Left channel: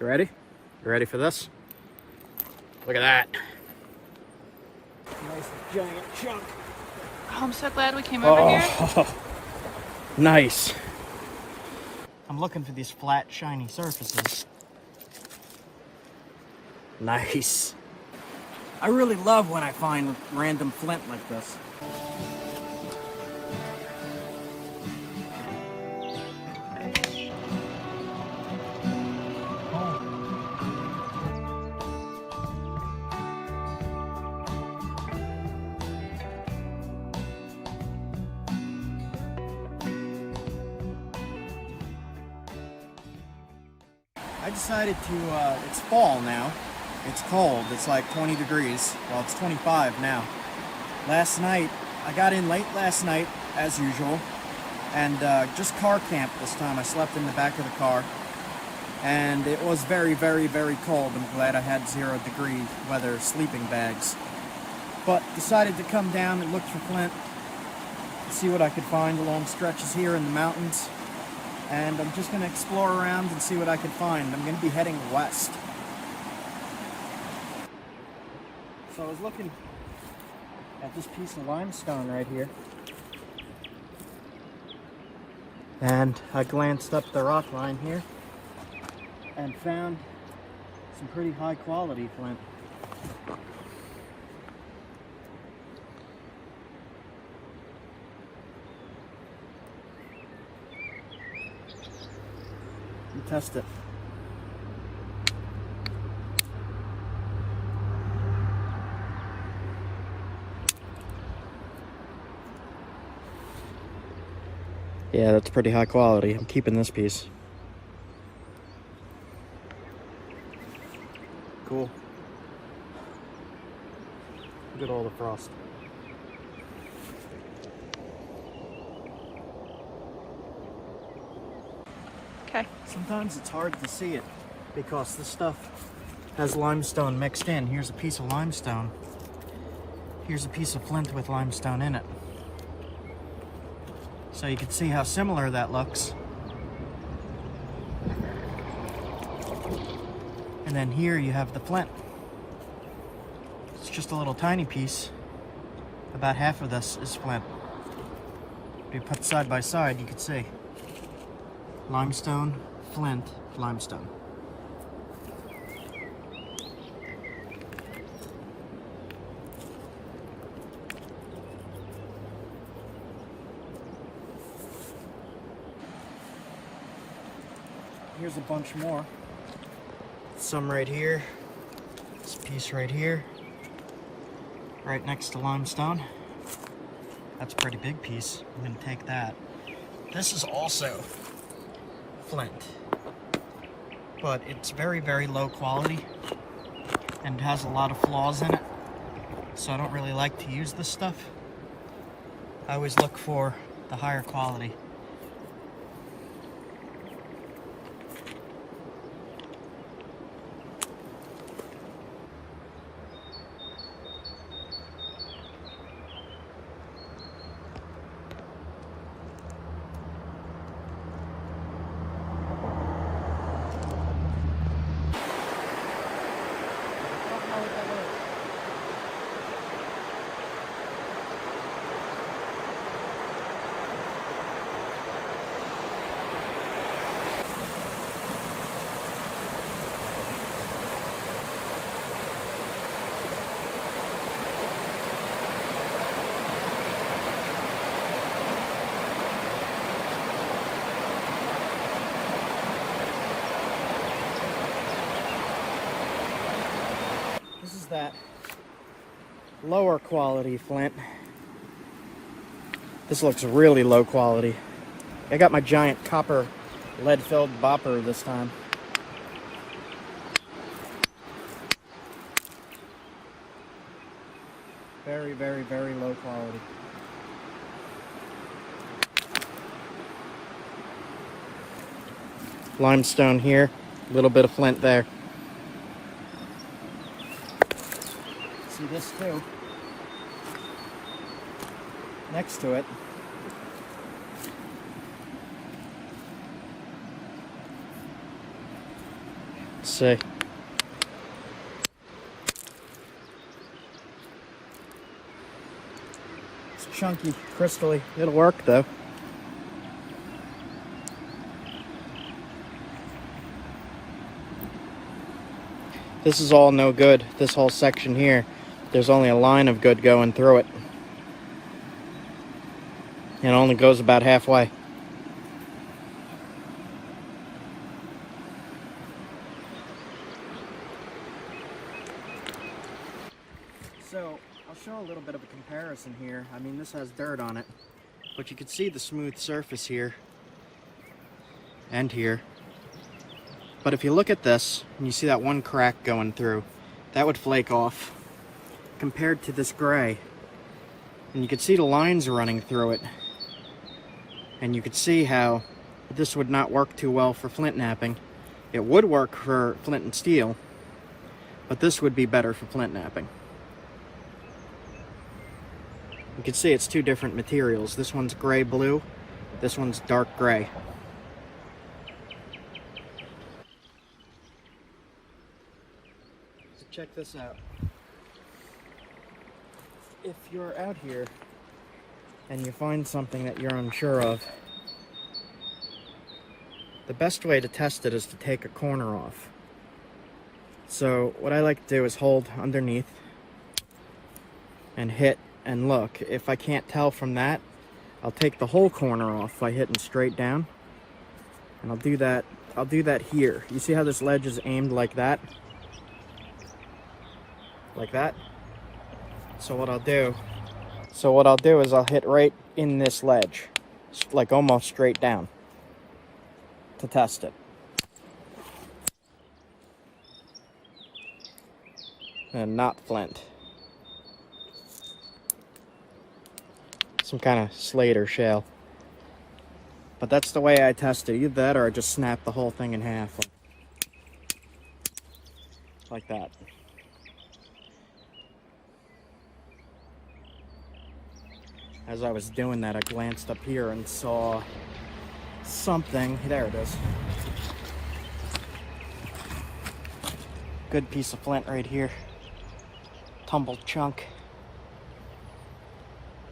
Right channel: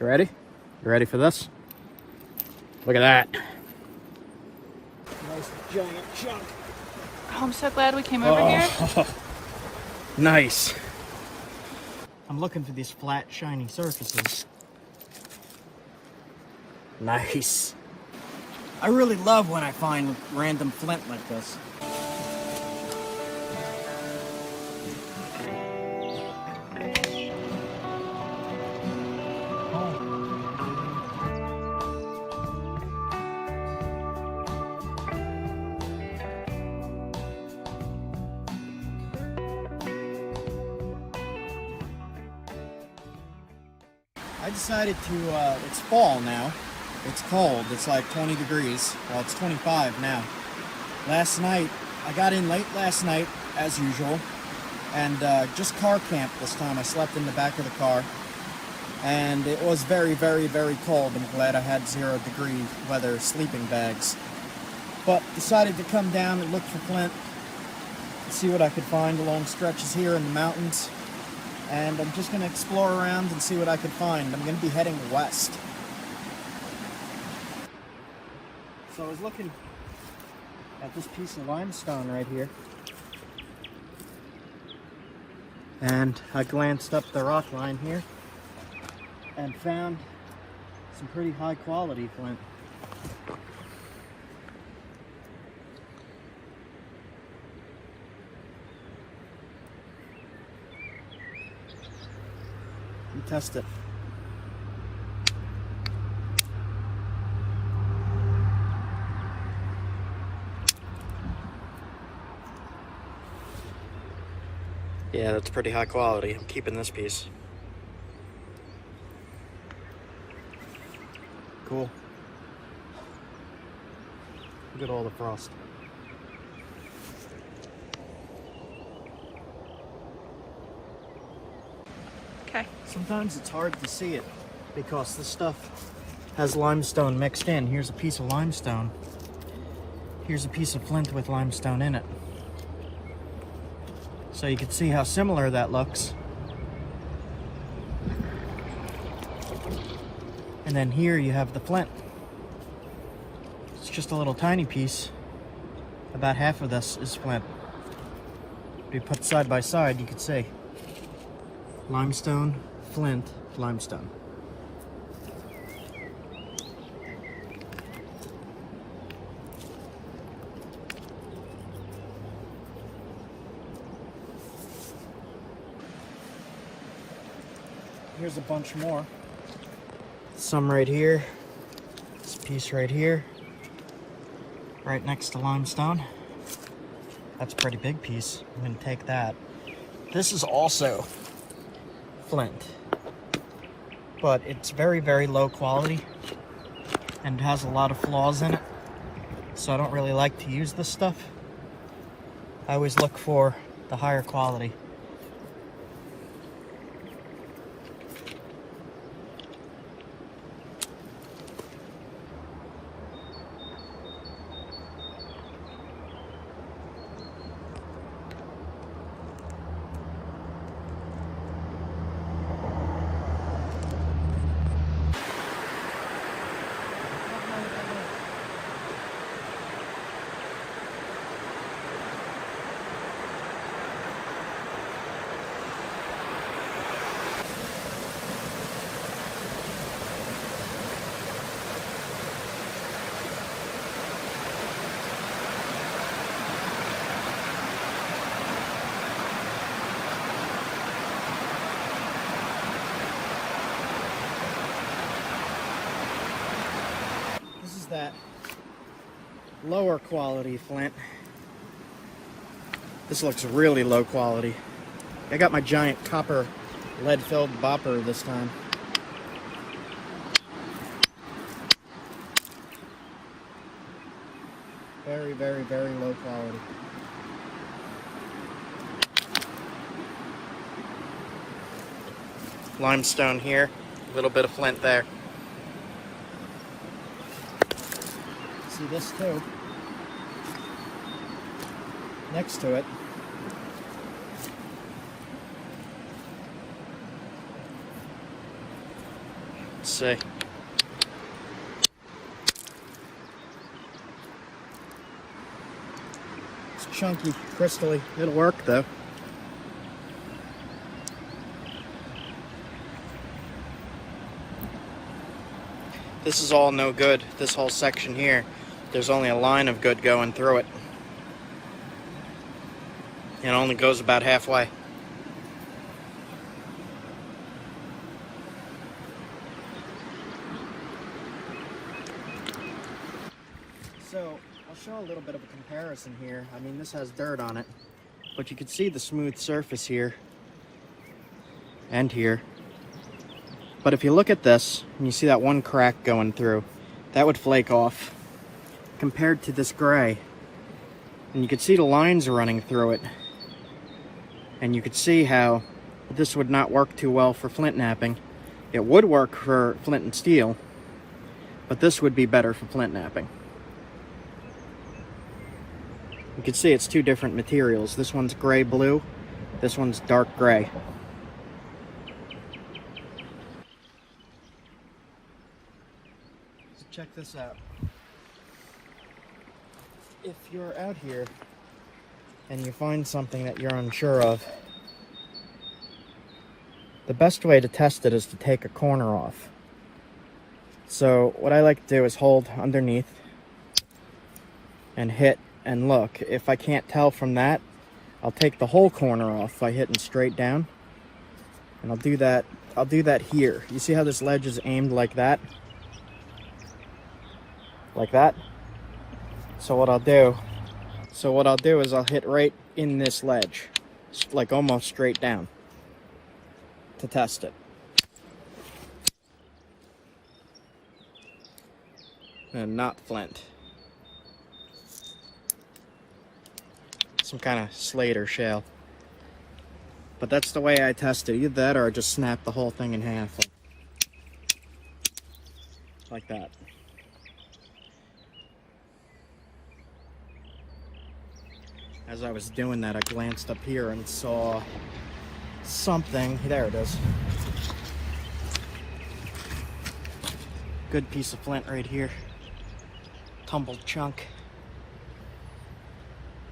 You ready? You ready for this? Look at that. Nice giant chunk. Oh, I'm so glad we came over here. Nice. I'm looking for these flat, shiny surfaces. Nice. I really love when I find random flint like this. I decided to, it's fall now. It's cold, it's like 20 degrees. Well, it's 25 now. Last night, I got in late last night, as usual, and just car camped this time. I slept in the back of the car, and it was very, very, very cold. I'm glad I had 0-degree weather sleeping bags. But decided to come down and look for flint, see what I could find along stretches here in the mountains. And I'm just going to explore around and see what I can find. I'm going to be heading west. So I was looking at this piece of limestone right here. And I glanced up the rock line here and found some pretty high quality flint. Test it. Yeah, that's pretty high quality. I'm keeping this piece. Cool. Look at all the frost. Okay. Sometimes it's hard to see it because this stuff has limestone mixed in. Here's a piece of limestone. Here's a piece of flint with limestone in it. So you can see how similar that looks. And then here you have the flint. It's just a little tiny piece. About half of this is flint. If you put side by side, you could see. Limestone, flint, limestone. Here's a bunch more. Some right here. This piece right here. Right next to limestone. That's a pretty big piece. I'm gonna take that. This is also flint, but it's very, very low quality and has a lot of flaws in it, so I don't really like to use this stuff. I always look for the higher quality. That lower quality flint. This looks really low quality. I got my giant copper lead-filled bopper this time. Very, very, very low quality. Limestone here, a little bit of flint there. See this too. Next to it. Let's see. It's chunky, crystally. It'll work though. This is all no good. This whole section here, there's only a line of good going through it. It only goes about halfway. So, I'll show a little bit of a comparison here. I mean, this has dirt on it, but you can see the smooth surface here and here. But if you look at this, and you see that one crack going through, that would flake off compared to this gray. And you can see the lines running through it. And you could see how this would not work too well for flint knapping. It would work for flint and steel, but this would be better for flint knapping. You can see it's two different materials. This one's gray-blue, this one's dark gray. So check this out. If you're out here and you find something that you're unsure of, the best way to test it is to take a corner off. So what I like to do is hold underneath and hit and look. If I can't tell from that, I'll take the whole corner off by hitting straight down. And I'll do that here. You see how this ledge is aimed like that? Like that? So what I'll do is I'll hit right in this ledge, like almost straight down, to test it. And not flint. Some kind of slate or shale. But that's the way I test it. Either that or I just snap the whole thing in half. Like that. As I was doing that, I glanced up here and saw something. There it is. Good piece of flint right here. Tumbled chunk.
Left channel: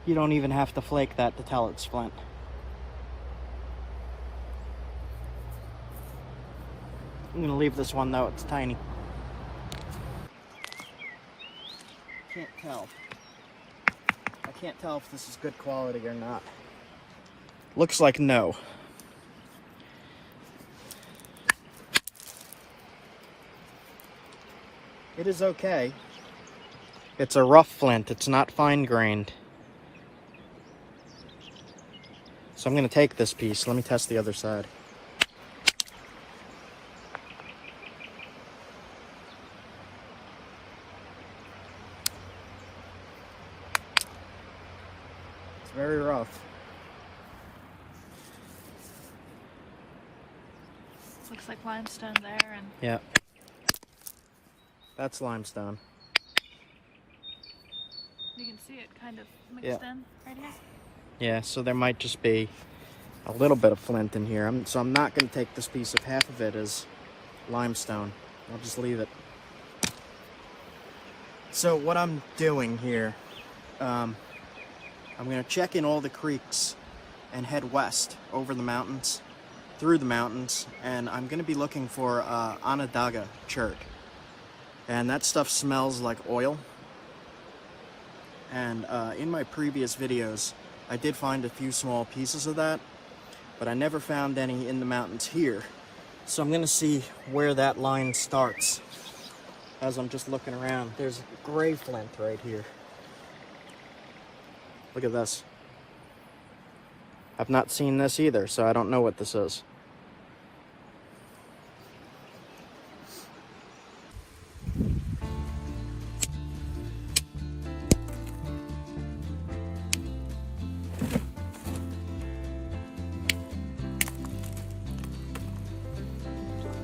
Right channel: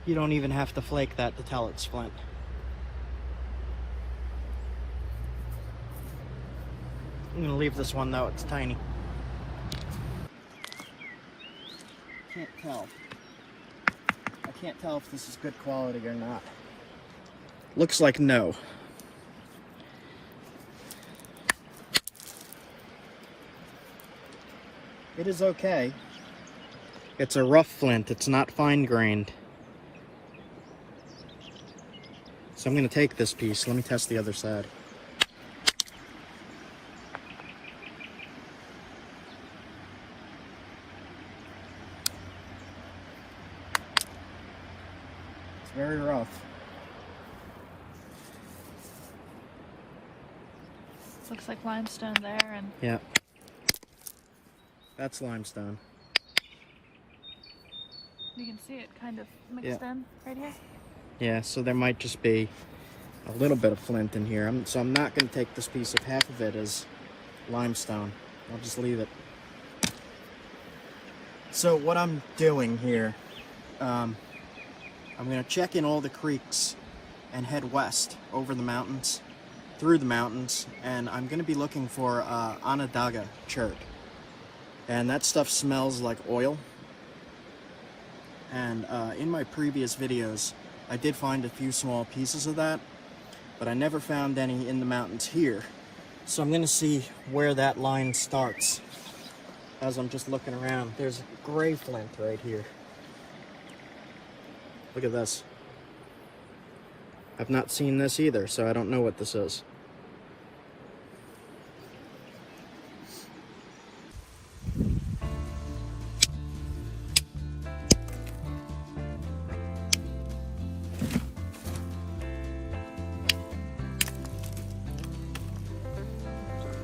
You don't even have to flake that to tell it's flint. I'm gonna leave this one though, it's tiny. Can't tell. I can't tell if this is good quality or not. Looks like no. It is okay. It's a rough flint, it's not fine-grained. So I'm going to take this piece. Let me test the other side. It's very rough. Looks like limestone there, and yeah, that's limestone. you can see it kind of mixed in right here. Yeah, so there might just be a little bit of flint in here. So I'm not going to take this piece of half of it as limestone. I'll just leave it. So what I'm doing here, I'm going to check in all the creeks and head west over the mountains, through the mountains, and I'm going to be looking for Onondaga CHERT. And that stuff smells like oil. And in my previous videos, I did find a few small pieces of that, but I never found any in the mountains here. So I'm going to see where that line starts as I'm just looking around. There's gray flint right here. Look at this. I've not seen this either, so I don't know what this is.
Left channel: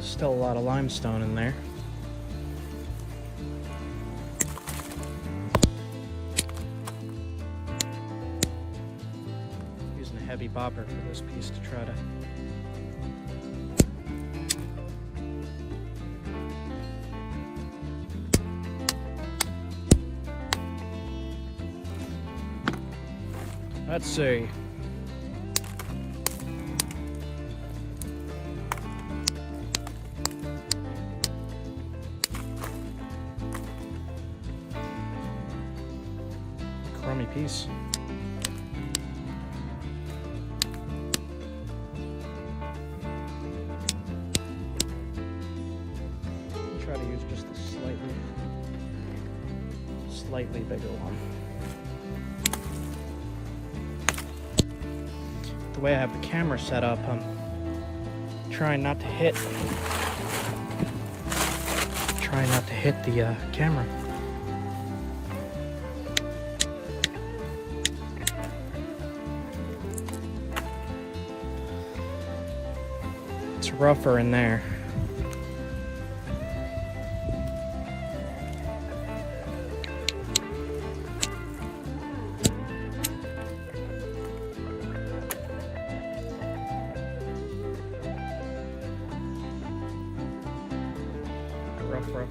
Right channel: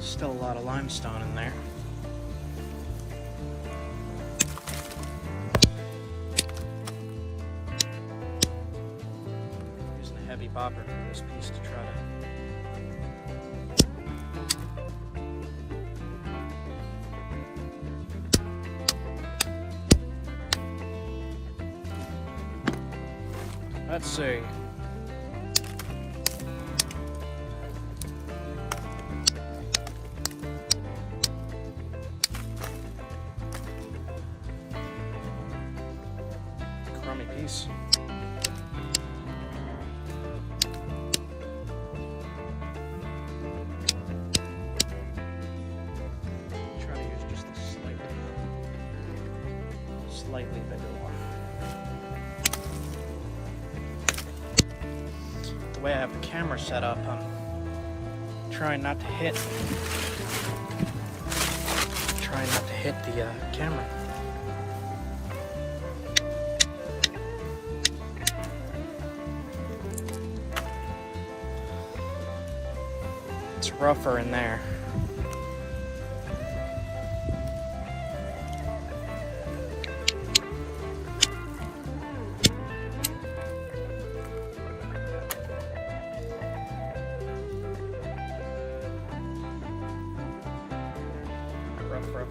Still a lot of limestone in there. Using a heavy bopper for this piece to try. Let's see. Crummy piece. Try to use just a slightly bigger one. The way I have the camera set up, I'm trying not to hit the camera. It's rougher in there.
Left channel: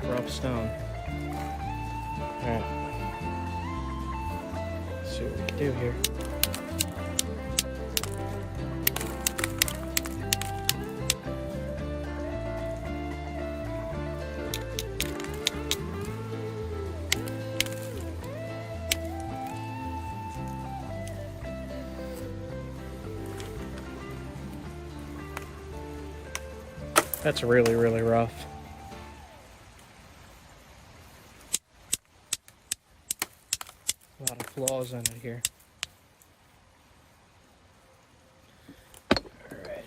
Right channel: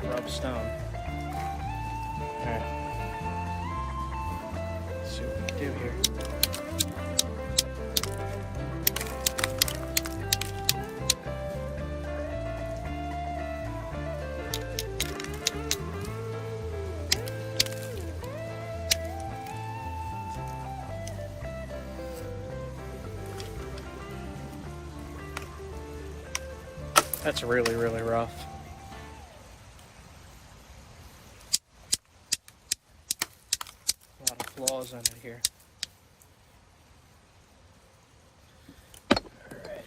Rough stone. Alright. Let's see what we can do here. That's really, really rough. A lot of flaws in it here. Alright.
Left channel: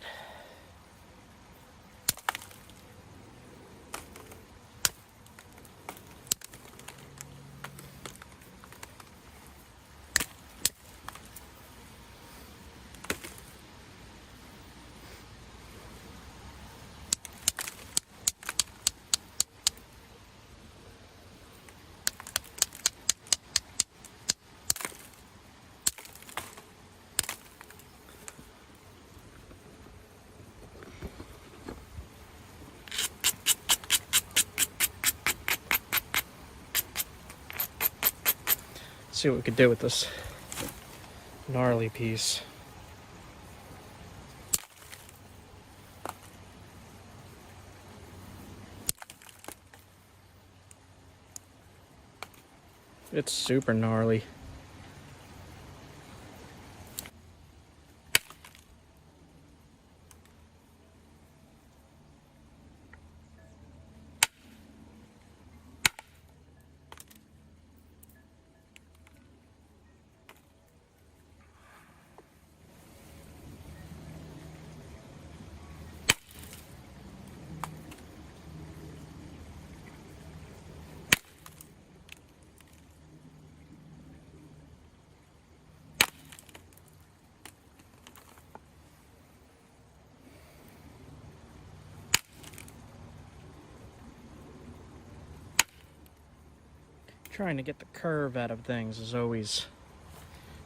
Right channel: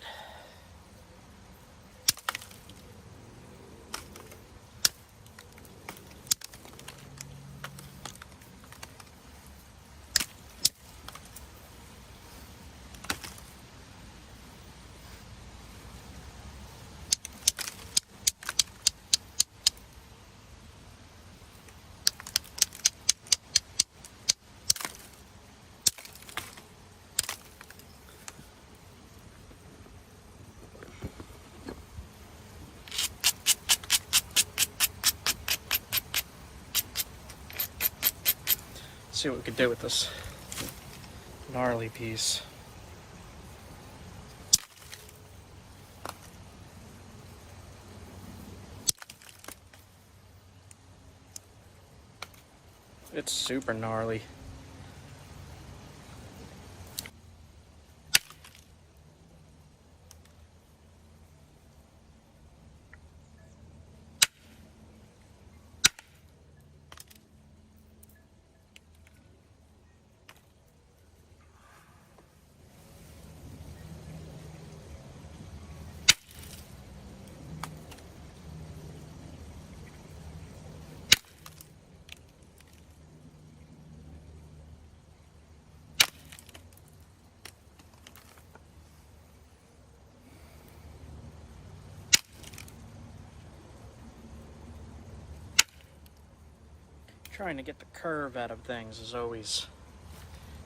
See what we could do with this gnarly piece. It's super gnarly. Trying to get the curve out of things is always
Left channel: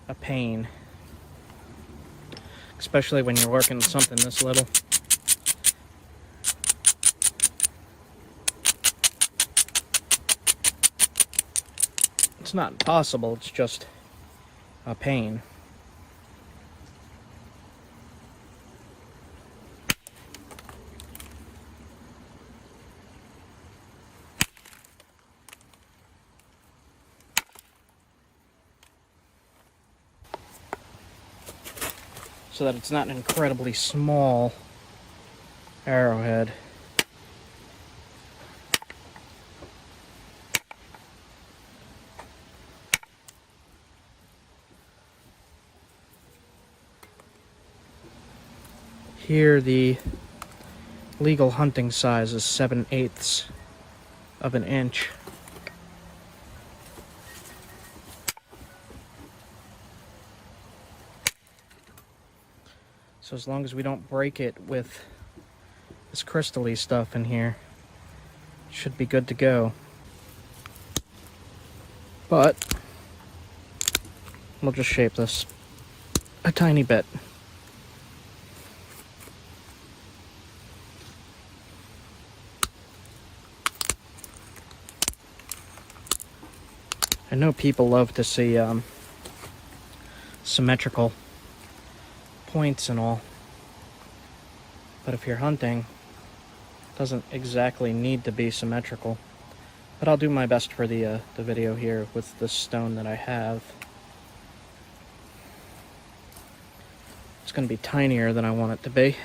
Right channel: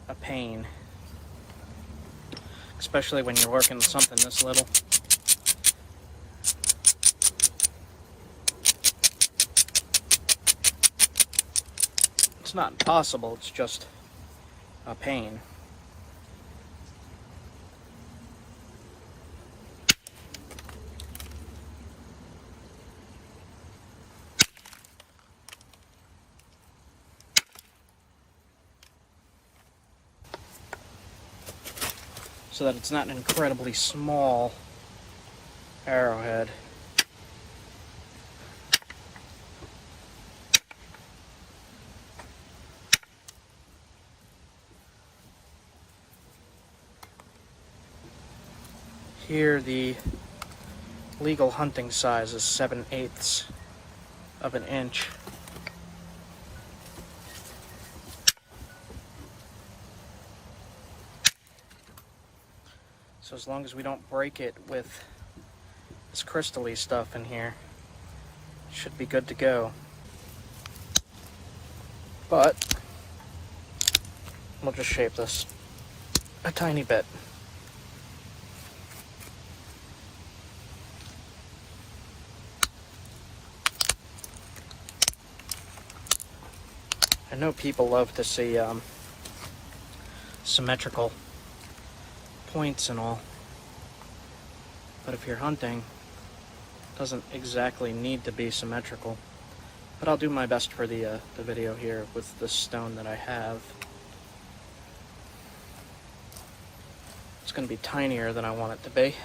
a pain, especially when you're working with something this little. It's not impossible, it's just a pain. So that it's not an incredibly small arrowhead. Here the legal hunting size is 7/8 of an inch. So as long as we don't break it with this crystal-y stuff in here, it should be good to go. But we'll just shape this a tiny bit. I know people love to see symmetrical points and all. But if you're hunting, it doesn't exactly need to be symmetrical. But I'll do my best for the video here with the stone that I have. It's going to be tinier than I want it to be.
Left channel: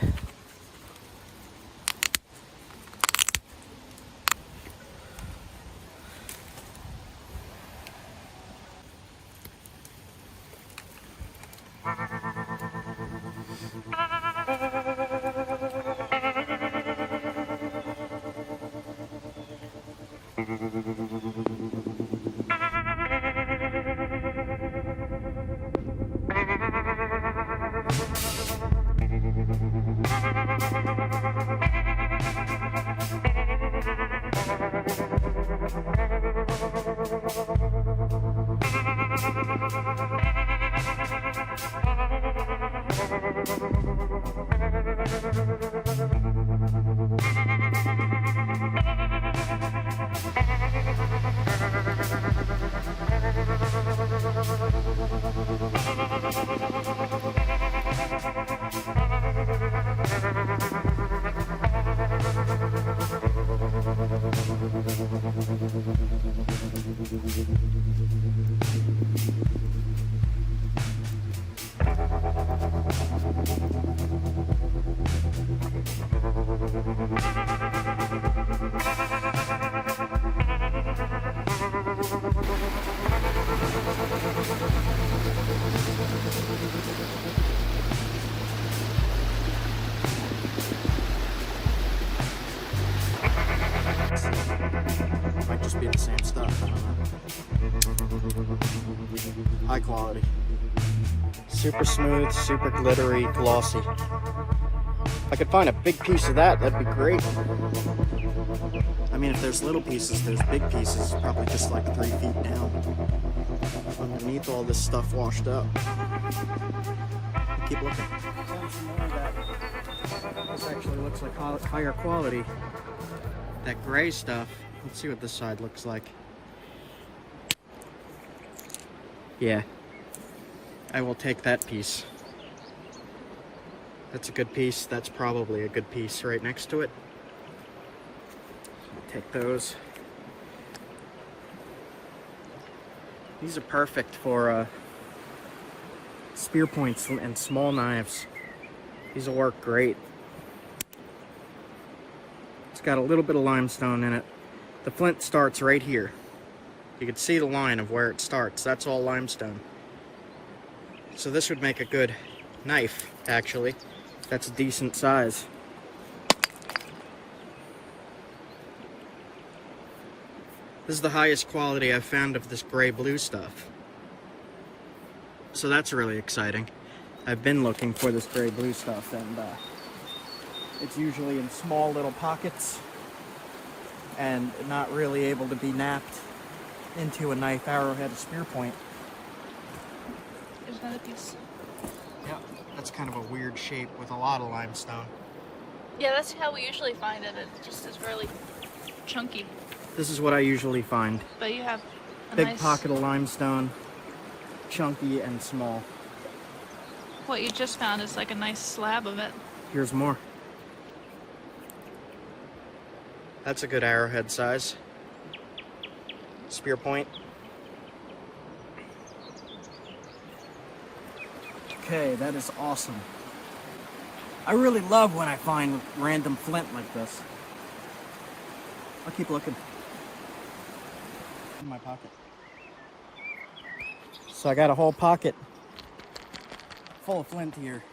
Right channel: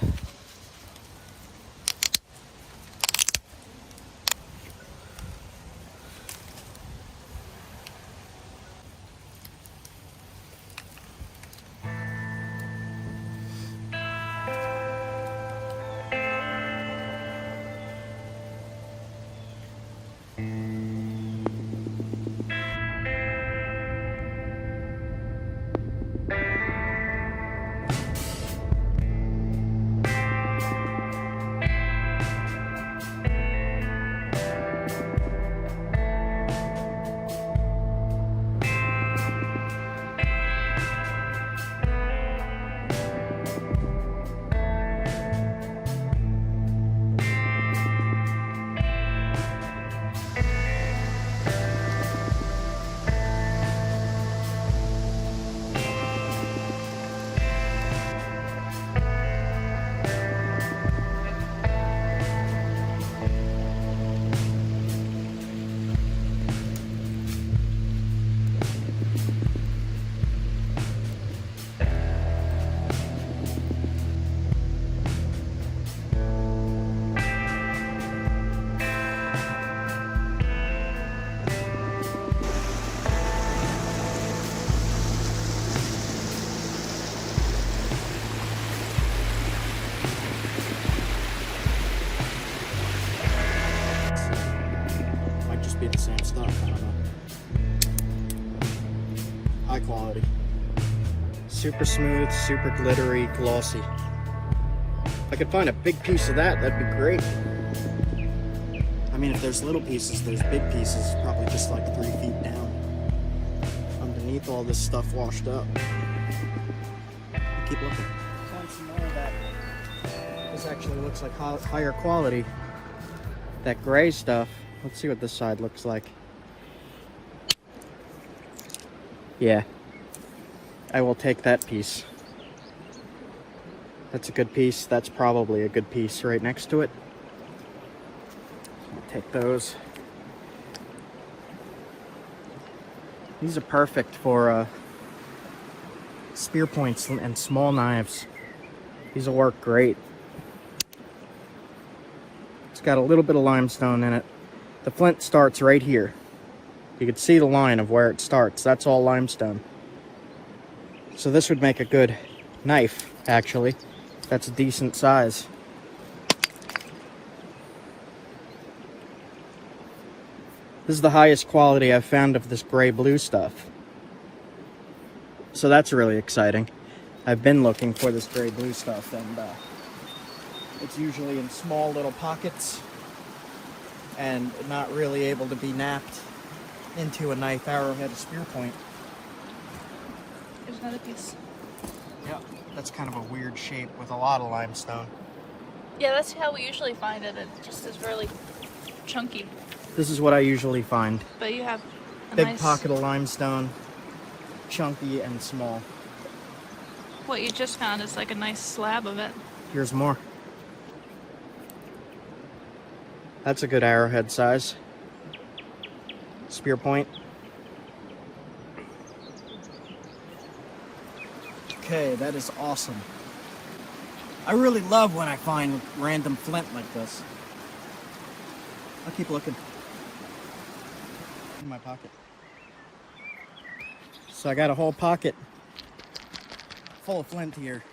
Be the same stuff, I don't know. High quality. Super smooth, super glittery, glossy. If I could find a big piece of that, that'd be great. I mean, if there's little pieces, there's big pieces, probably just like 3 feet down. Underneath all this stuff washed up. Keep looking. Found some more of that. This actually looks like higher quality. That gray stuff. Let's see what this side looks like. Yeah, I will take that piece. That's a good piece. That's probably a good piece right next to it. I'll take those. These are perfect for spear points and small knives. These will work great. It's got a little bit of limestone in it. The flint starts right here. You can see the line of where it starts. That's all limestone. So this would make a good knife, actually. That's a decent size. This is the highest quality I've found of this gray blue stuff. So that's really exciting. I've been looking for this gray blue stuff, and it's usually in small little pockets and not really able to be napped into a knife, arrowhead, a spear point. There's another piece. Yeah, that's kind of a weird shape with a lot of limestone. Yeah, that's how we usually find it. It just is really chunky. This is what I usually find. But you have a big nice pocket of limestone, chunky and small. What you just found is like a nice slab of it. Here's more. That's a good arrowhead size. Spear point. Okay, that is awesome. I really love when I find random flint like this. I'll keep looking. In my pocket. So I got a whole pocket full of flint here.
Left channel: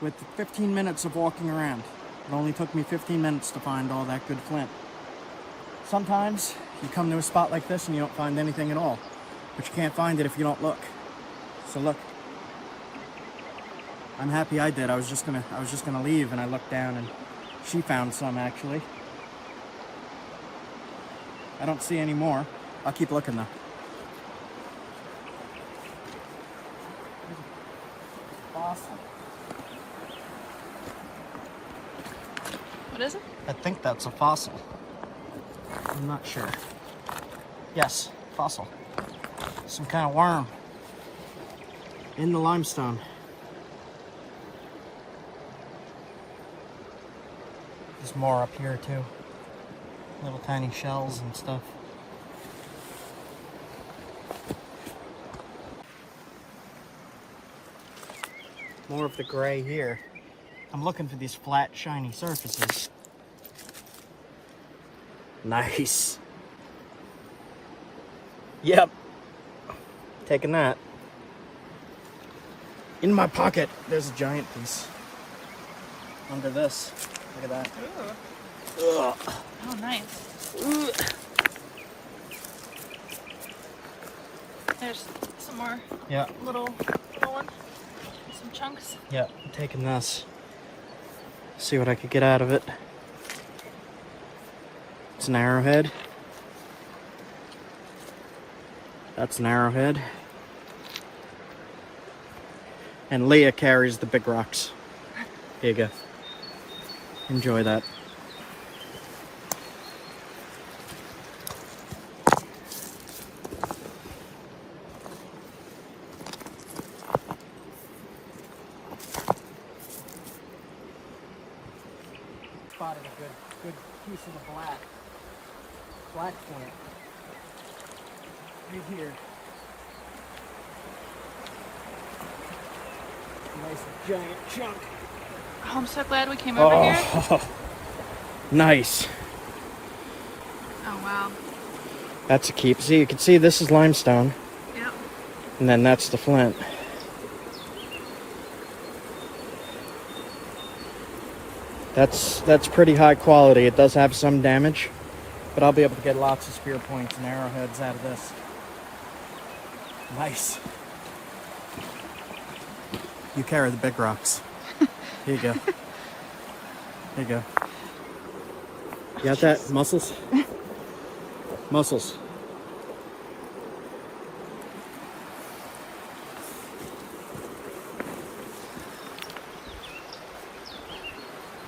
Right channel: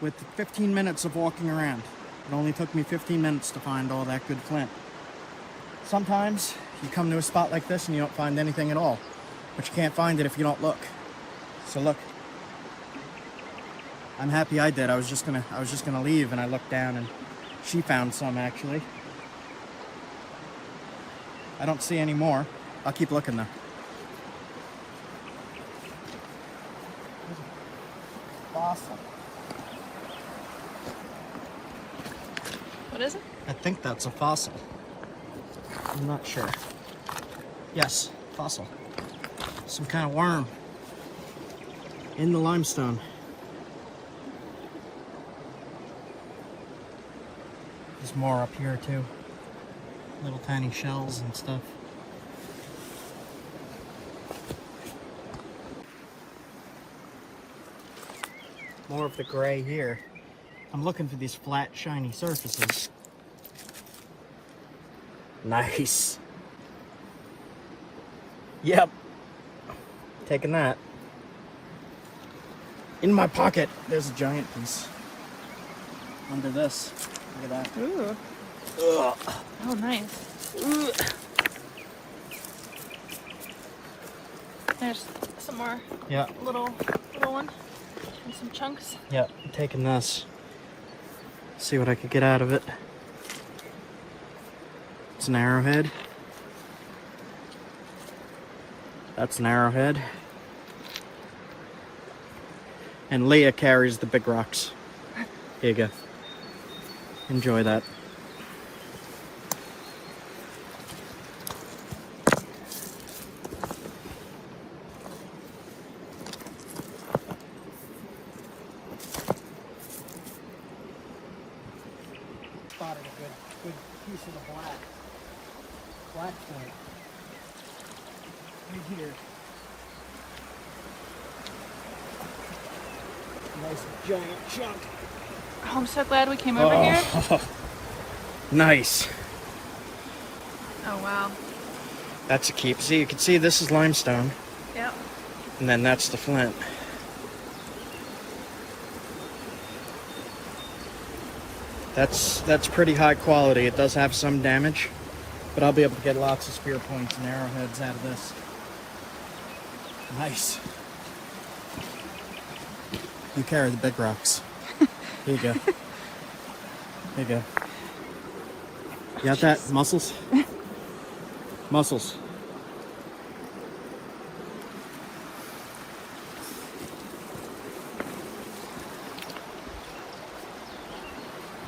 With 15 minutes of walking around. It only took me 15 minutes to find all that good flint. Sometimes you come to a spot like this and you don't find anything at all. But you can't find it if you don't look. So look. I'm happy I did. I was just gonna leave, and I looked down and she found some actually. I don't see any more. I'll keep looking though. There's a fossil. What is it? I think that's a fossil. I'm not sure. Yes, fossil. Some kind of worm. in the limestone. There's more up here too. Little tiny shells and stuff. More of the gray here. I'm looking for these flat, shiny surfaces. Nice. Yep. Taking that. In my pocket, there's a giant piece. Under this. Look at that. Ooh. Oh, nice. There's some more. Yeah. Little one. And some chunks. Yeah, I'm taking this. See what I could get out of it. It's an arrowhead. That's an arrowhead. And Leah carries the big rocks. There you go. Enjoy that. Spotted a good piece of the black flint. Right here. Nice giant chunk. Oh, I'm so glad we came over here. Nice. Oh, wow. That's a keep. See, you can see this is limestone. Yep. And then that's the flint. That's pretty high quality. It does have some damage, but I'll be able to get lots of spear points and arrowheads out of this. Nice. You carry the big rocks. Here you go. Here you go. You got that? Muscles? Muscles.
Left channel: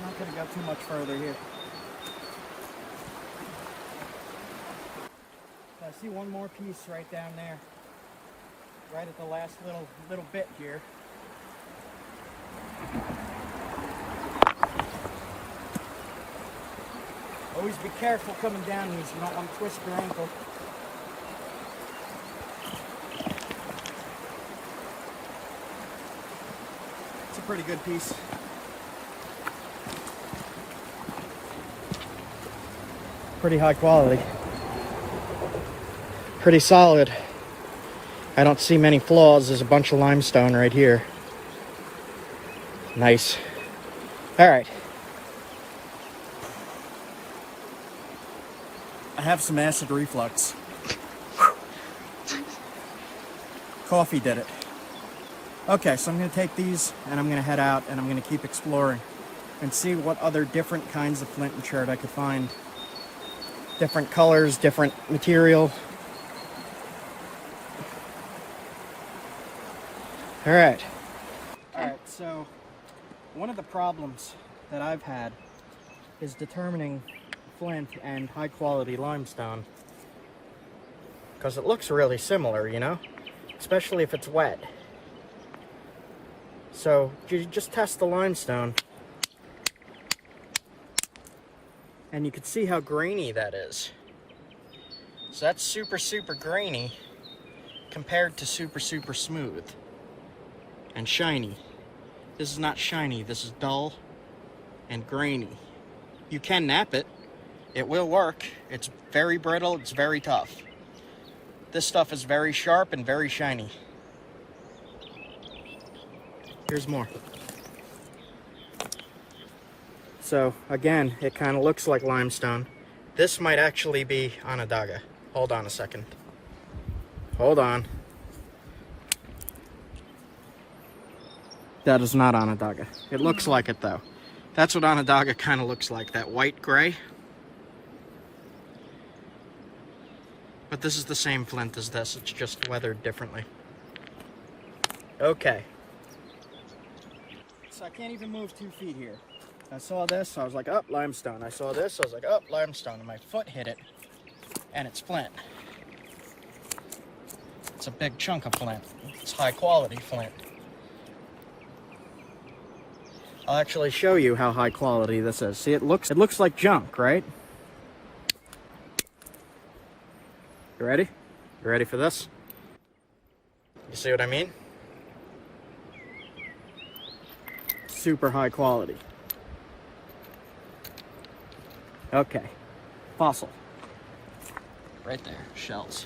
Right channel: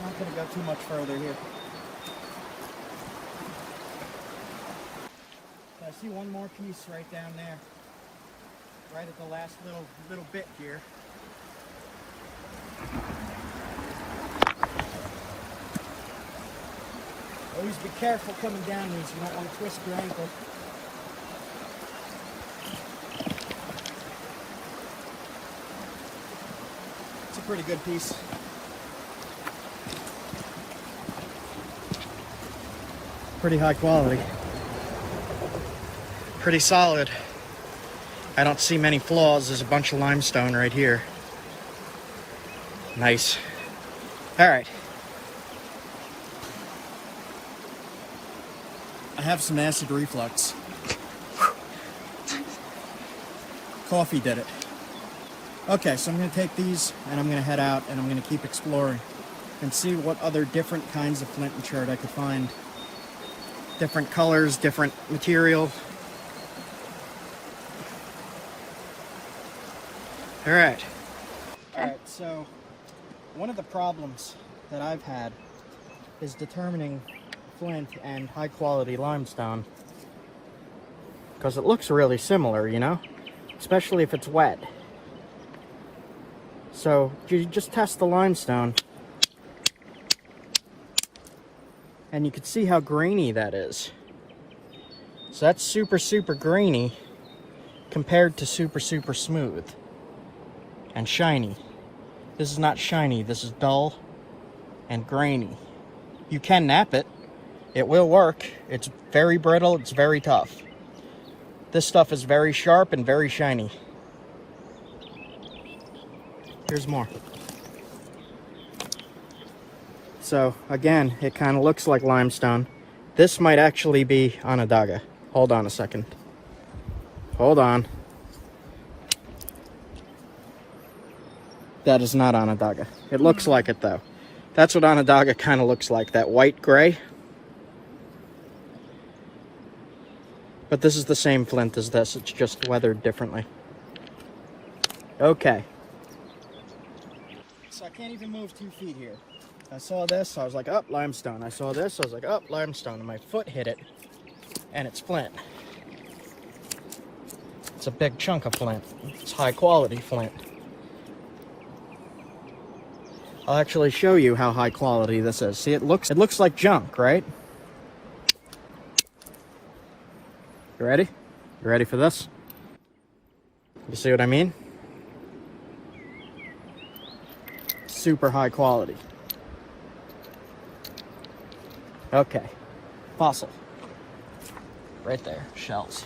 Not gonna go too much further here. So I see one more piece right down there. Right at the last little bit here. Always be careful coming down these. You don't want to twist your ankle. It's a pretty good piece. Pretty high quality. Pretty solid. I don't see many flaws. There's a bunch of limestone right here. Nice. All right. I have some acid reflux. Coffee did it. Okay, so I'm going to take these and I'm going to head out and I'm going to keep exploring and see what other different kinds of flint and chert I could find. Different colors, different material. All right. All right, so one of the problems that I've had is determining flint and high quality limestone, because it looks really similar, you know, especially if it's wet. So you just test the limestone and you can see how grainy that is. So that's super grainy compared to super smooth and shiny. This is not shiny, this is dull and grainy. You can knap it. It will work. It's very brittle, it's very tough. This stuff is very sharp and very shiny. Here's more. So again, it kind of looks like limestone. This might actually be Onondaga. Hold on a second. Hold on. That is not Onondaga. It looks like it though. That's what Onondaga kind of looks like, that white gray. But this is the same flint as this, it's just weathered differently. Okay. So I can't even move 2 feet here. I saw this, I was like, oh, limestone. I saw this, I was like, oh, limestone. And my foot hit it, and it's flint. It's a big chunk of flint. It's high quality flint. I'll actually show you how high quality this is. See, it looks like junk, right? You ready? You ready for this? You see what I mean? Super high quality. Okay. Fossil. Right there. Shells.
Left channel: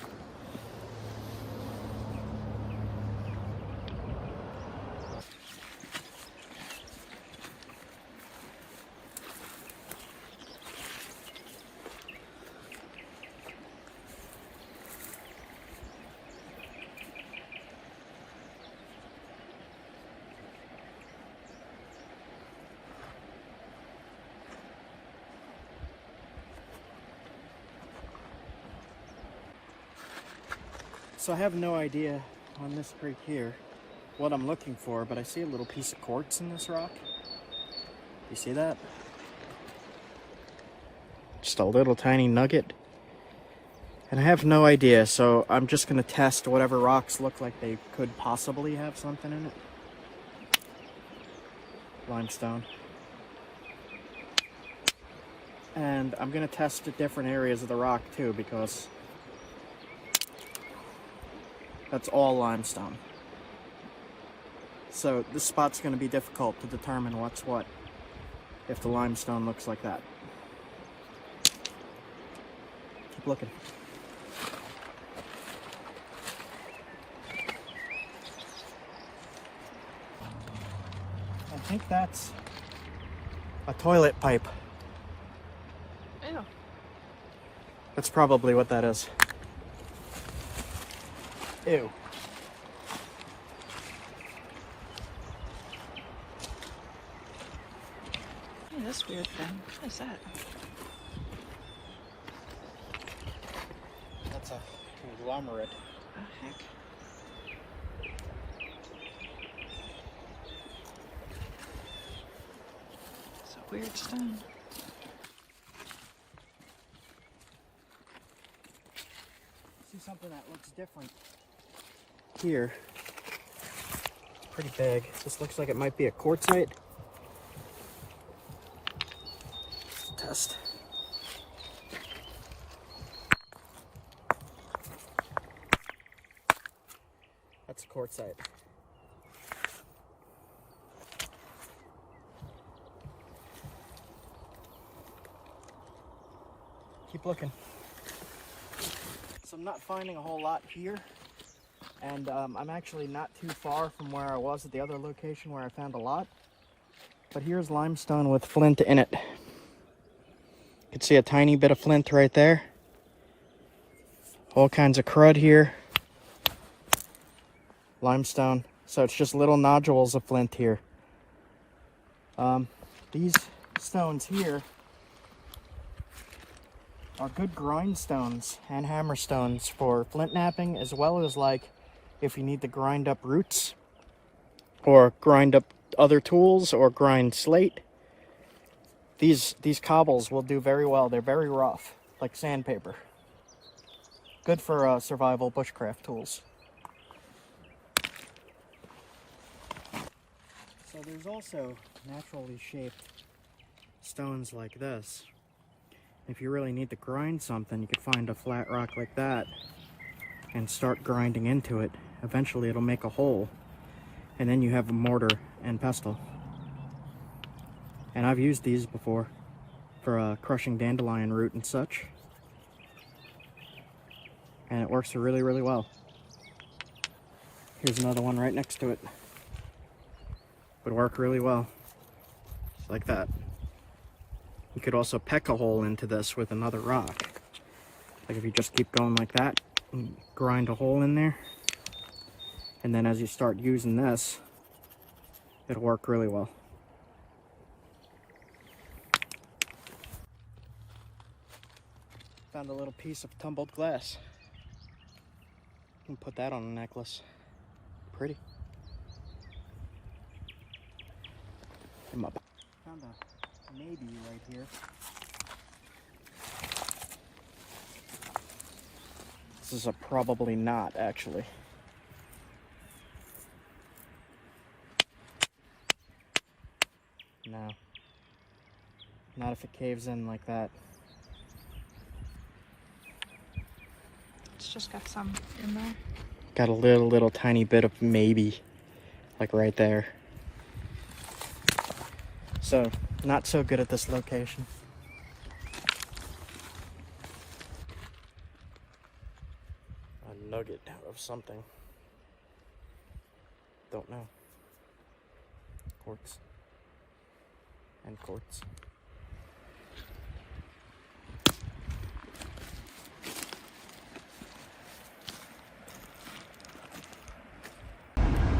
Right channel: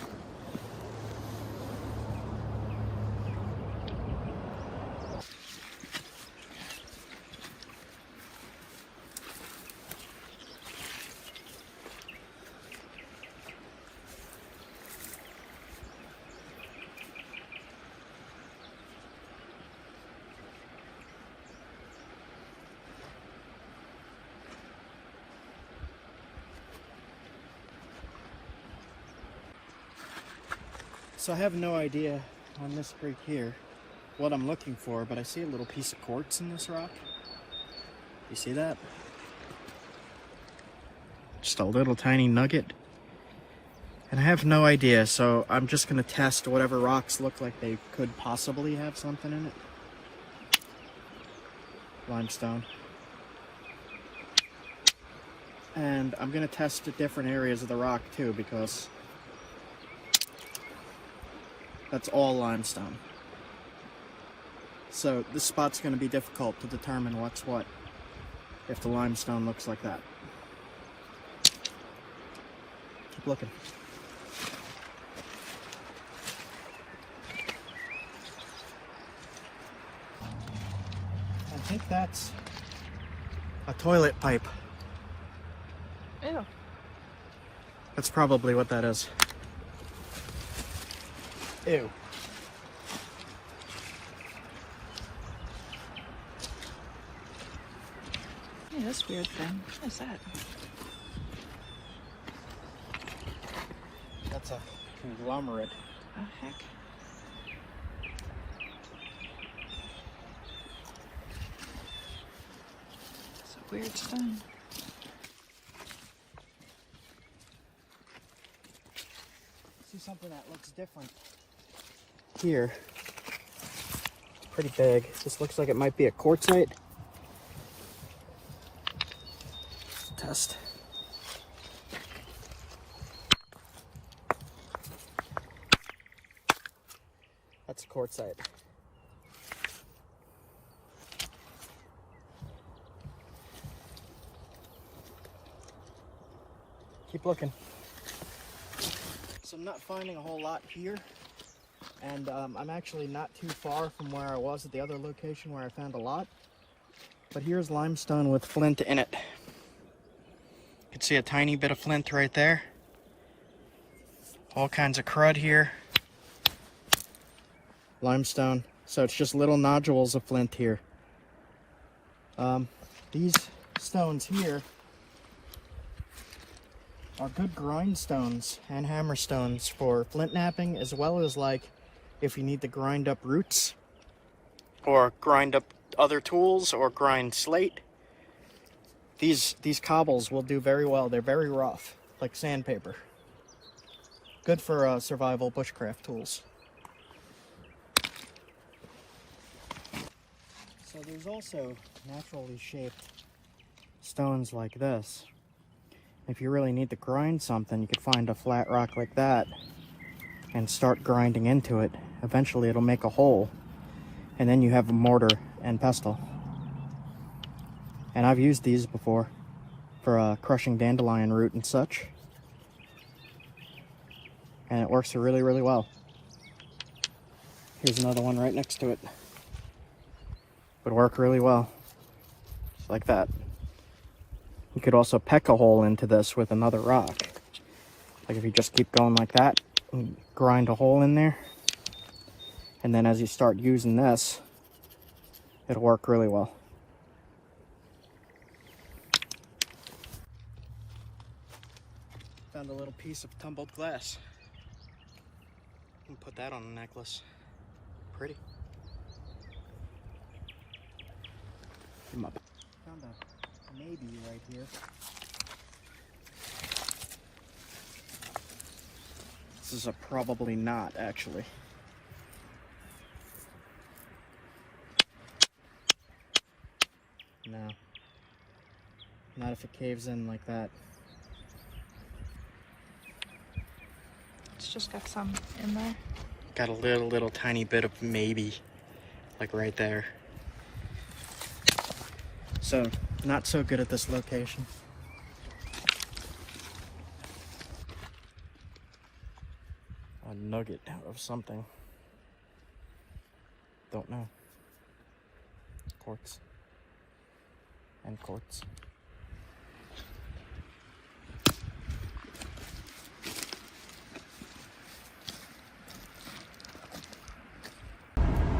So I have no idea on this creek here what I'm looking for, but I see a little piece of quartz in this rock. You see that? Just a little tiny nugget. And I have no idea, so I'm just going to test whatever rocks look like they could possibly have something in it. Limestone. And I'm going to test the different areas of the rock too, because that's all limestone. So this spot's going to be difficult to determine what's what if the limestone looks like that. Keep looking. I think that's a toilet pipe. Ew. That's probably what that is. Ew. Oh, this weird thing. What is that? That's a conglomerate. Oh, heck. It's a weird stone. See something that looks different here. It's pretty big. This looks like it might be a quartzite. Test. That's a quartzite. Keep looking. So I'm not finding a whole lot here, and I'm actually not too far from where I was at the other location where I found a lot. But here's limestone with flint in it. You can see a tiny bit of flint right there. All kinds of crud here. Limestone. So it's just little nodules of flint here. These stones here are good grindstones and hammerstones for flint knapping, as well as like if you need to grind up roots or grind up other tools or grind slate. These cobbles will do very well. They're very rough, like sandpaper. Good for survival bushcraft tools. So there's also naturally shaped stones like this. If you really need to grind something, you could find a flat rock like that and start grinding into it. Eventually it'll make a hole, and then you have a mortar and pestle. And I've used these before for crushing dandelion root and such. And it works really, really well. Here's another one right next to it. Would work really well. Like that. You could also peck a hole into this with another rock. Like if you just keep going like that, and grind a hole in there. And then as you start using this, it'll work really well. Found a little piece of tumbled glass. You can put that on a necklace. Pretty. Come up. Found a maybe right here. This is a probably not, actually. No. Not if it caves in like that. It's just got some in there. Got a little tiny bit of maybe, like right there. So, not so good at this location. A nugget of something. Don't know. Quartz. And quartz.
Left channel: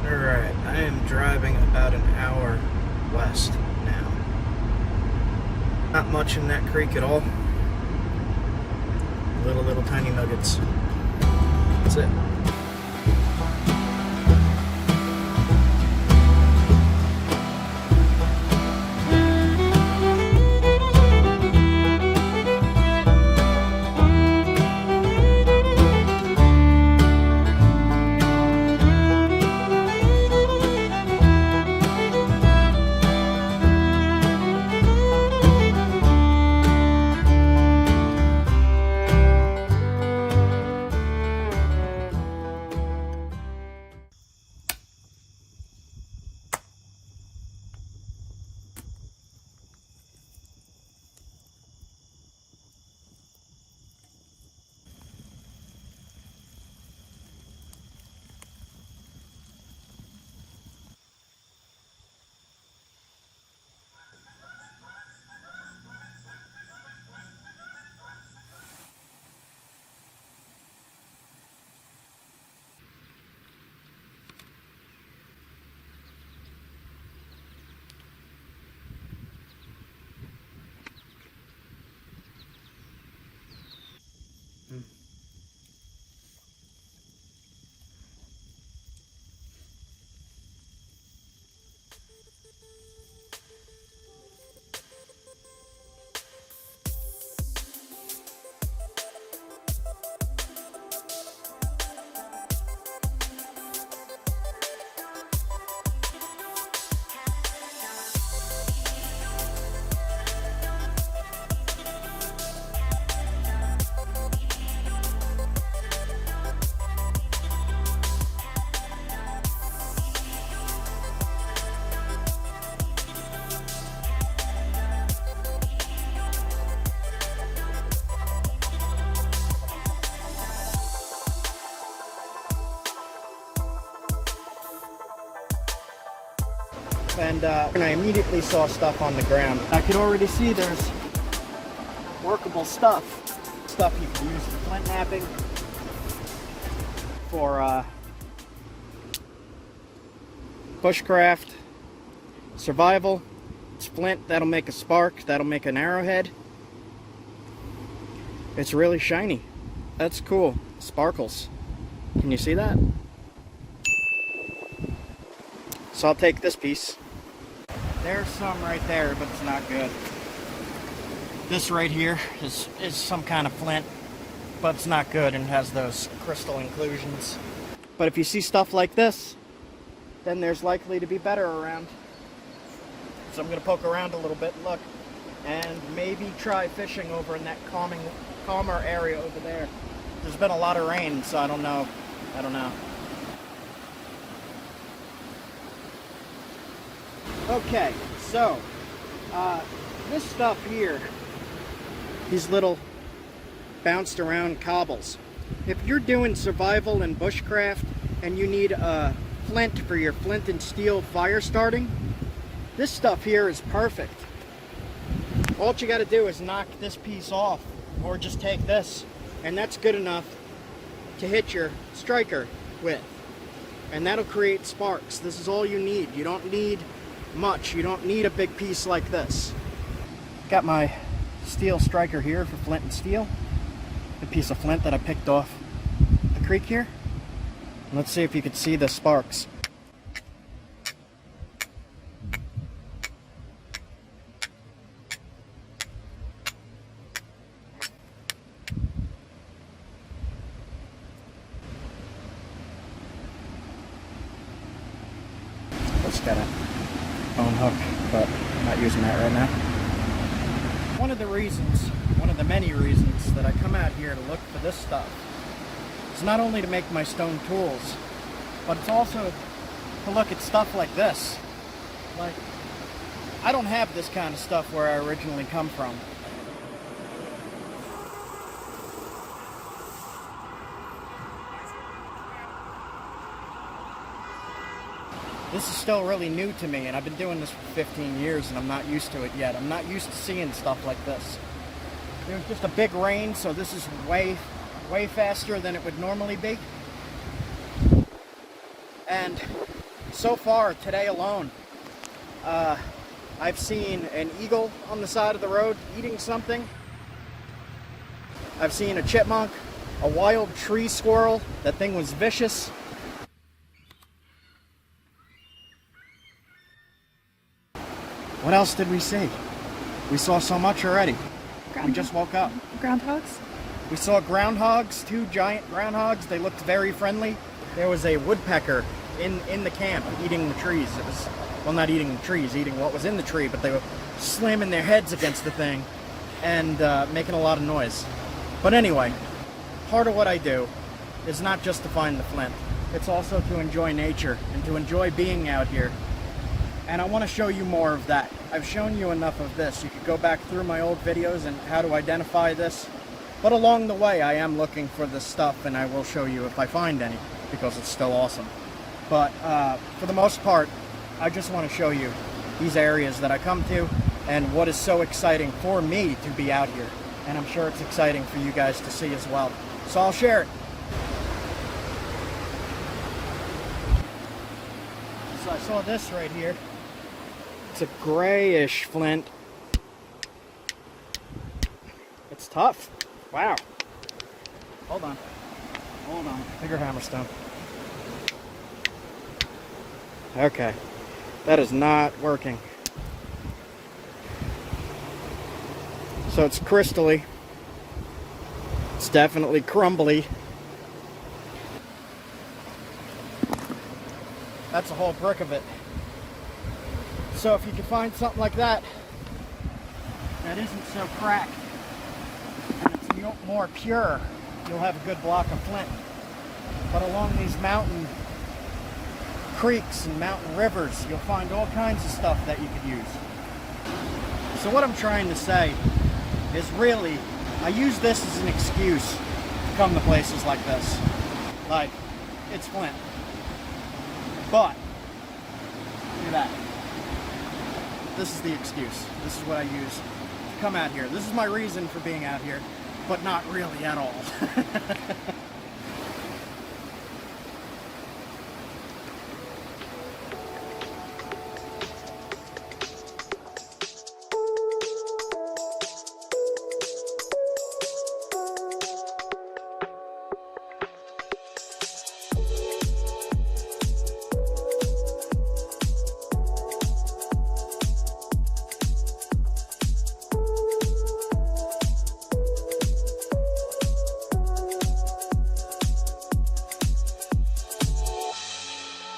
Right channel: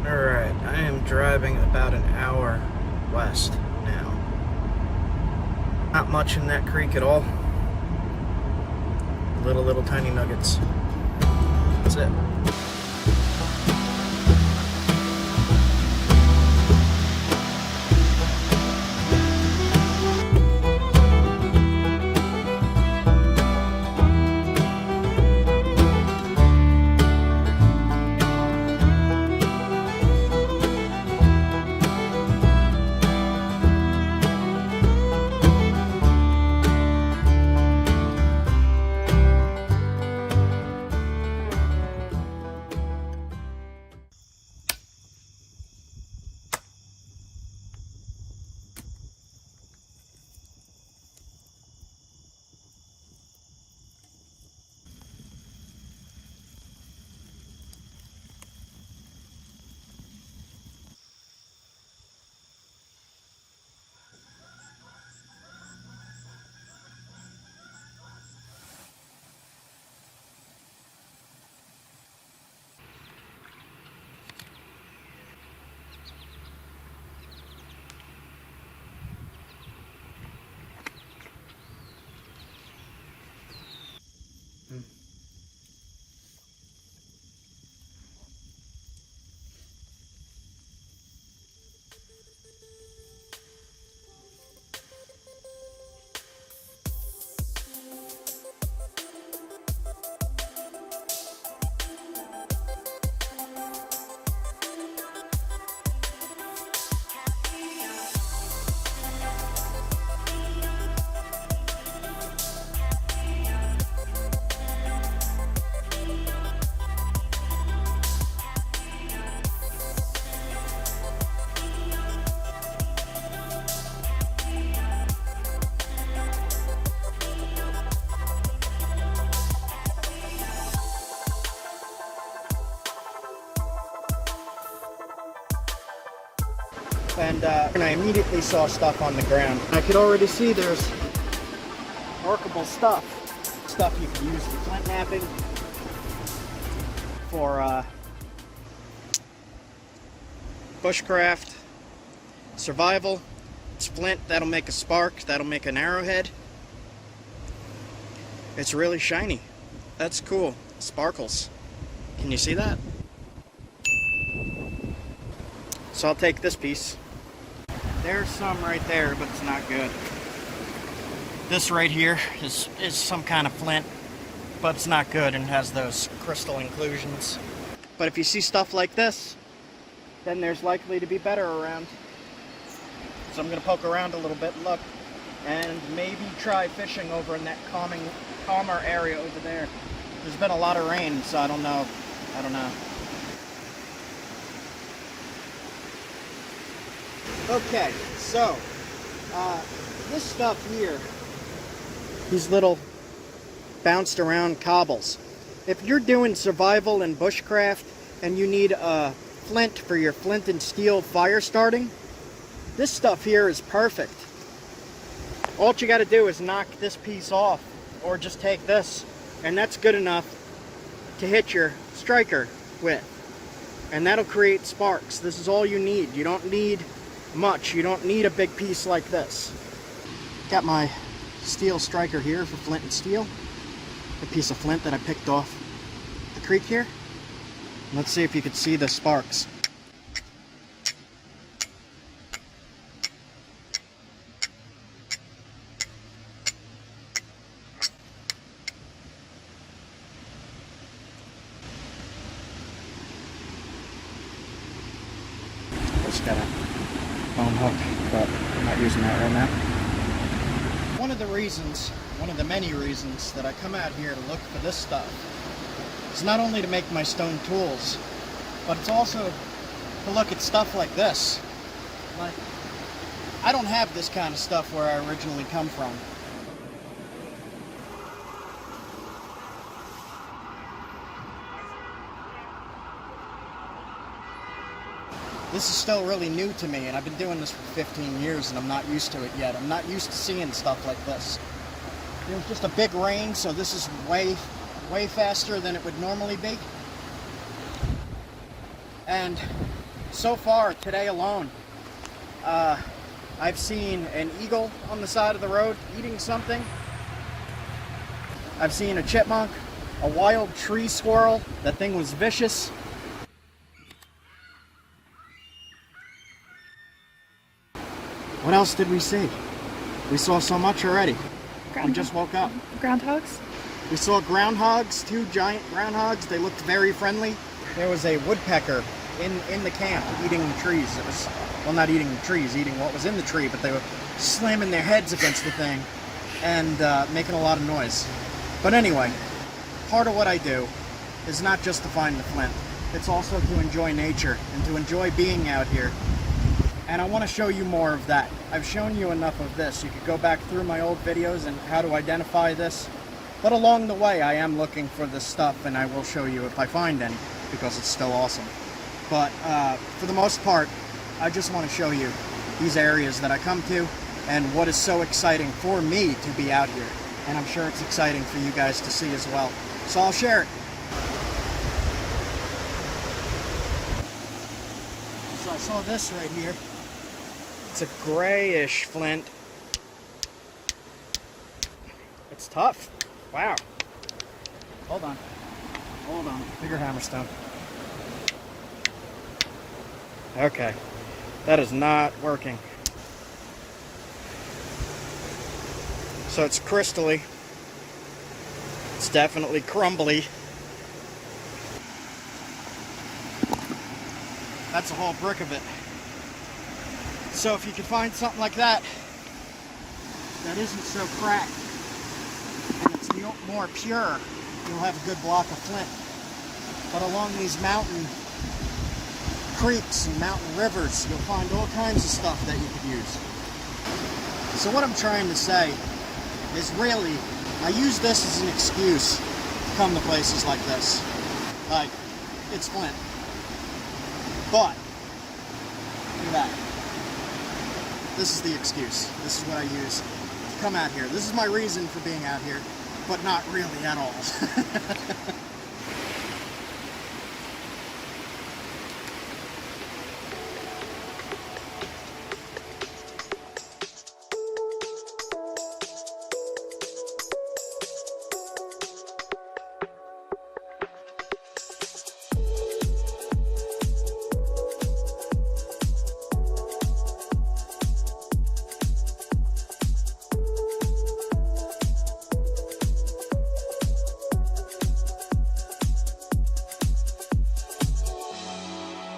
Alright, I am driving about an hour west now. Not much in that creek at all. Little tiny nuggets. That's it. And I immediately saw stuff on the ground. I could already see there's workable stuff. Stuff you can use for flint knapping, for bushcraft, survival. It's flint, that'll make a spark, that'll make an arrowhead. It's really shiny. That's cool. Sparkles. Can you see that? So I'll take this piece. There's some right there, but it's not good. This right here is some kind of flint, but it's not good and has those crystal inclusions. But if you see stuff like this, then there's likely to be better around. So I'm gonna poke around a little bit and look, and maybe try fishing over in that calmer area over there. There's been a lot of rain, so I don't know. Okay, so this stuff here, these little bounced around cobbles. If you're doing survival and bushcraft and you need a flint for your flint and steel fire starting, this stuff here is perfect. All you got to do is knock this piece off, or just take this, and that's good enough to hit your striker with. And that'll create sparks. This is all you need. You don't need much. You don't need a big piece like this. Got my steel striker here for flint and steel. A piece of flint that I picked off the creek here. Let's see if you can see the sparks. Just got a bone hook, but Not using that right now. One of the reasons, one of the many reasons that I come out here to look for this stuff is not only to make my stone tools, but it's also to look at stuff like this. Like, I don't have this kind of stuff where I originally come from. This is still really new to me, and I've been doing this for 15 years and I'm not used to it yet. I'm not used to seeing stuff like this. There's just a big rain, so this is way faster than it would normally be. And so far, today alone, I've seen an eagle on the side of the road eating something. I've seen a chipmunk, a wild tree squirrel. That thing was vicious. What else did we see? We saw so much already. We just woke up. Groundhogs? We saw groundhogs, 2 giant groundhogs. They looked very friendly. There was a woodpecker in the camp eating the trees. It was, well, not eating the trees, eating what was in the tree, but they were slamming their heads against the thing and making a lot of noise. But anyway, part of what I do is not just to find the flint. It's also to enjoy nature and to enjoy being out here. And I want to show you more of that. I've shown you enough of this. You could go back through my old videos and how to identify this. But along the way, I am looking for this stuff, and I will show you if I find any, because it's still awesome. But for the most part, I just want to show you these areas that I come to and what is so exciting for me to be out here. And I'm sure it's exciting for you guys to see as well. So I'll share it. So I saw this right here. It's a grayish flint. It's tough. Wow. Hold on. Hold on. Bigger hammerstone. Okay. That is not working. So it's crystally. It's definitely crumbly. That's a whole brick of it. So if you can find something like that, that isn't so cracked, and it's more pure, you'll have a good block of flint. But along these mountain creeks and mountain rivers, you'll find all kinds of stuff that you could use. So what I'm trying to say is, really, I use this as an excuse to come to places like this. Like, it's flint. But, look at that. This is the excuse. This is what I use to come out here. This is my reason for being out here, but not really at all.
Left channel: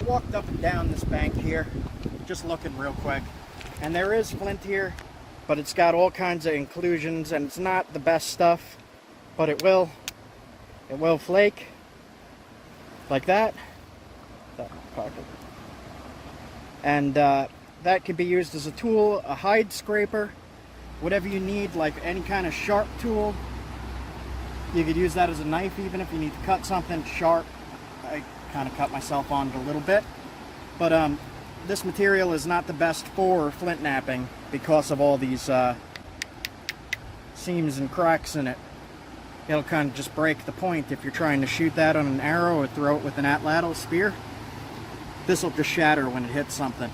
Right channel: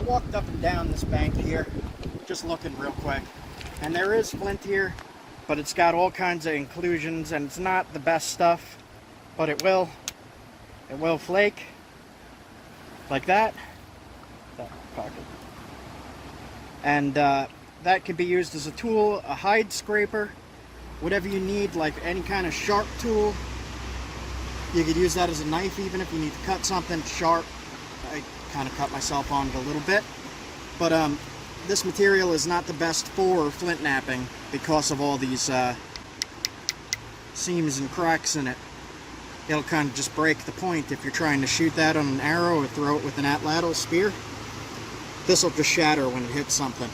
Walked up and down this bank here, just looking real quick, and there is flint here, but it's got all kinds of inclusions, and it's not the best stuff, but it will flake like that. And that could be used as a tool, a hide scraper, whatever you need, like any kind of sharp tool. You could use that as a knife even if you need to cut something sharp. I kind of cut myself on it a little bit, but this material is not the best for flint knapping because of all these seams and cracks in it. It'll kind of just break the point if you're trying to shoot that on an arrow or throw it with an atlatl spear. This will just shatter when it hits something.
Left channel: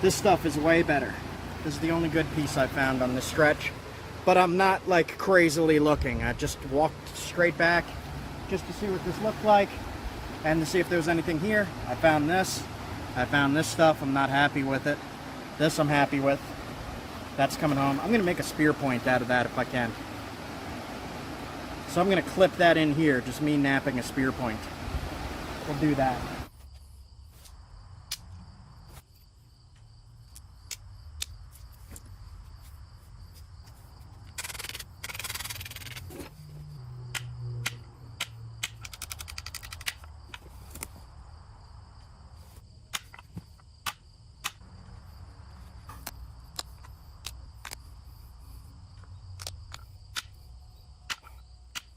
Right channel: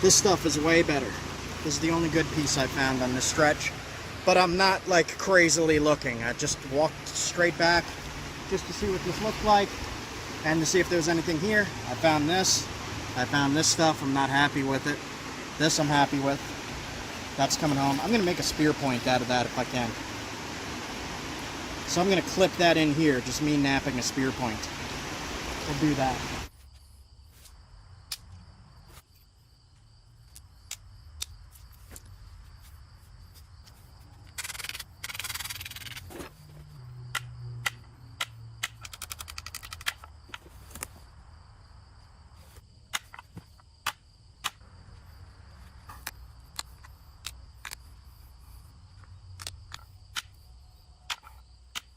This stuff is way better. This is the only good piece I found on this stretch, but I'm not like crazily looking. I just walked straight back just to see what this looked like and to see if there was anything here. I found this. I found this stuff. I'm not happy with it. This I'm happy with. That's coming home. I'm gonna make a spear point out of that if I can. So I'm gonna clip that in here, just me knapping a spear point. We'll do that.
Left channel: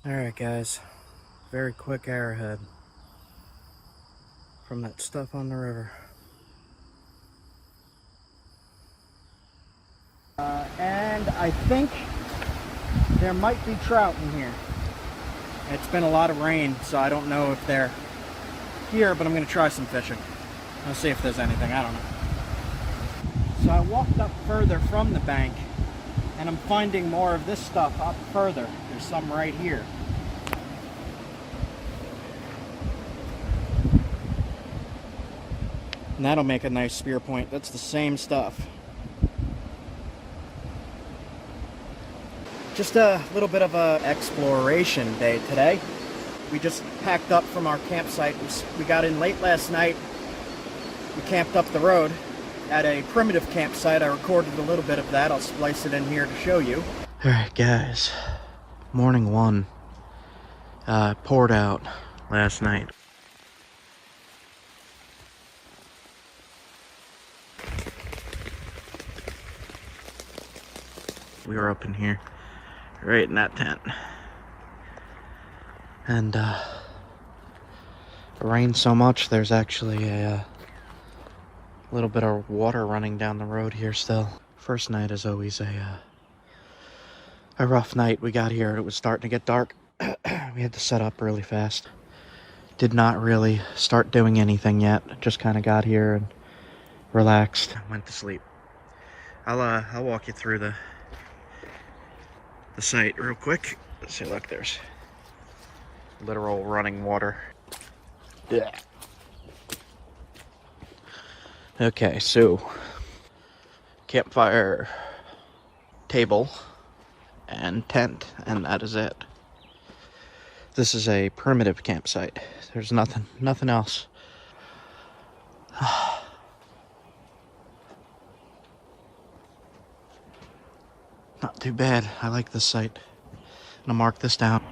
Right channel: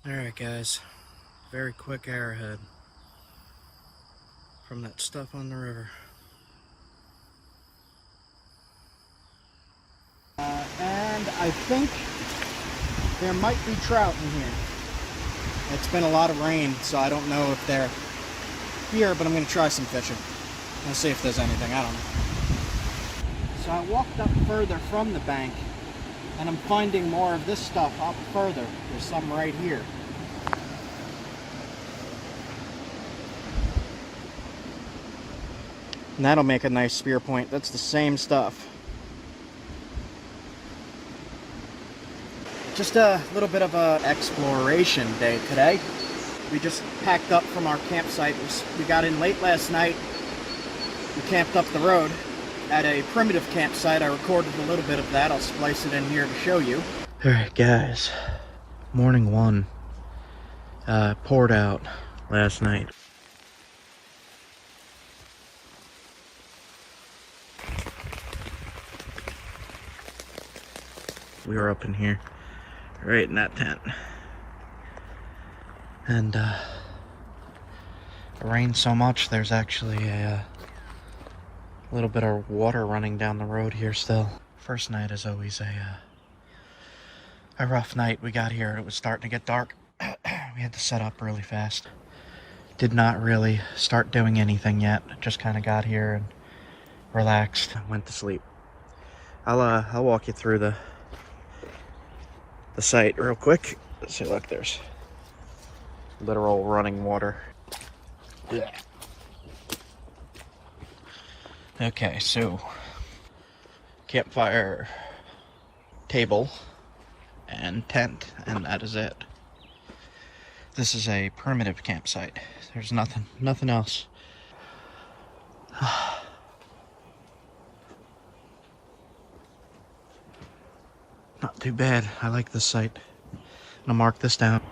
Alright guys, very quick arrowhead from that stuff on the river. And I think there might be trout in here. It's been a lot of rain, so I don't know if they're here, but I'm going to try some fishing. Let's see if there's anything, I don't know. So I walked up further from the bank, and I'm finding more of this stuff up further. There's some right here. And that'll make a nice spear point. That's the same stuff. Just a little bit of a exploration day today. We just packed up from our campsite. We got in late last night. We camped up the road at a primitive campsite. I recorded a little bit of that. I'll splice it in here to show you. Alright guys, morning one. Poured out last night. We were up in here, right in that tent. And it rained so much, there's actually a little bit of water running down the road here still. First night is always a rough night. We got here, it was starting to get dark. We had to set up really fast. Did not really start doing anything yet. Just kind of got here and relaxed. Went to sleep. I'll walk you through the site real quick. Let's see, look, there's literal running water. Yeah. Okay, so campfire, table, and tent, and that is it. This is a primitive campsite. There's nothing else. Not too bad. I like this site. I'm gonna mark this down.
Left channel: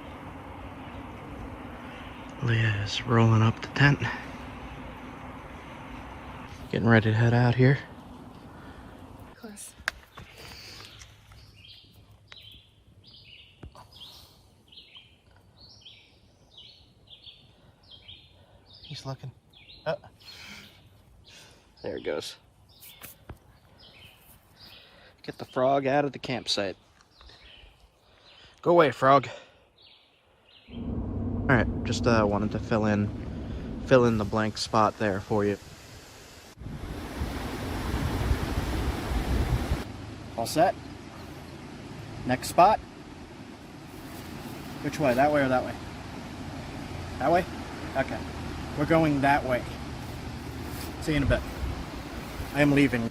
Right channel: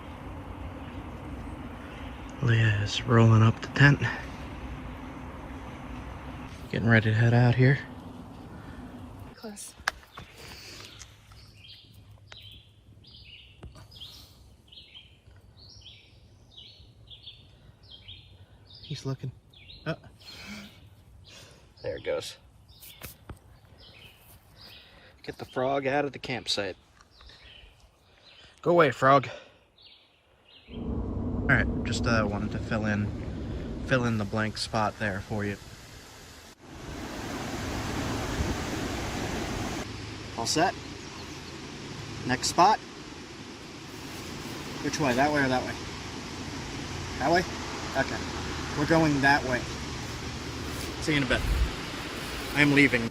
Leah is rolling up the tent. Getting ready to head out here. Close. He's looking. Oh. There it goes. Get the frog out of the campsite. Go away, frog. Alright, just wanted to fill in the blank spot there for you. All set? Next spot? Which way? That way or that way? That way? Okay. We're going that way. See you in a bit. I am leaving.